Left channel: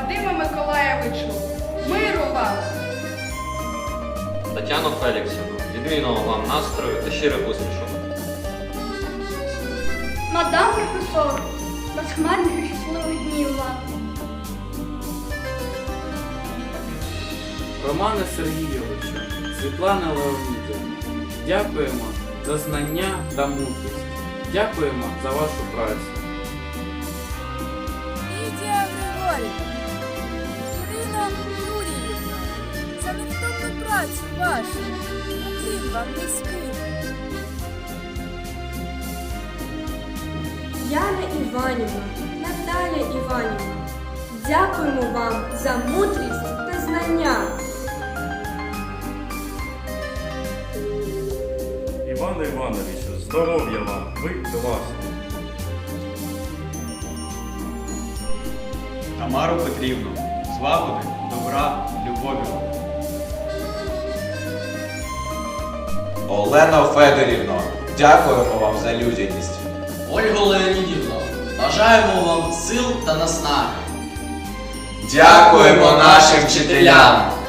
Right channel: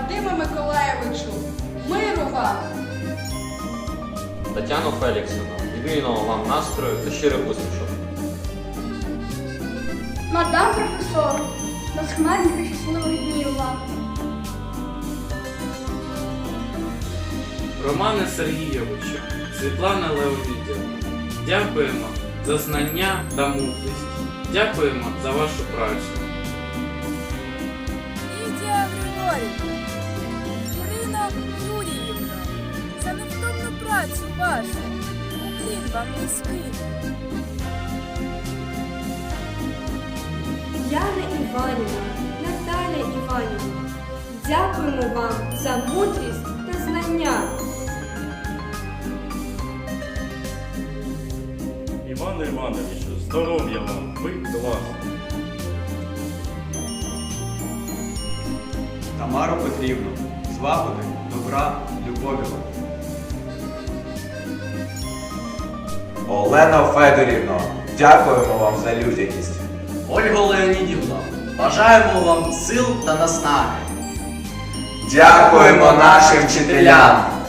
Вадиме Миколаєвичу, миру вам! Тетяно Феліксівну, відмінного вам настрою та щирих усмішок. Мадам професор, безхмарних і щасливих днів вам. Романе Сергійовичу, Світлана Леонідівна, дякуємо за знання та мудрість. Дякуємо за вашу працю. Лідія Григорівна, Юріївна, за невтомну працю вашу. Уклін вам низький. Яна Іванівна, Наталя Іванівна, дякуємо вам за мудрість та знання. Іване Івановичу, здоров'я вам, ви класні. Тамару Петрівну, злагоди, добра, любові. Олено Федорівно, дякуємо вам за людяність. Ольго Леонідівно, бажаємо вам сил та наснаги. Дякуємо нашим вчителям.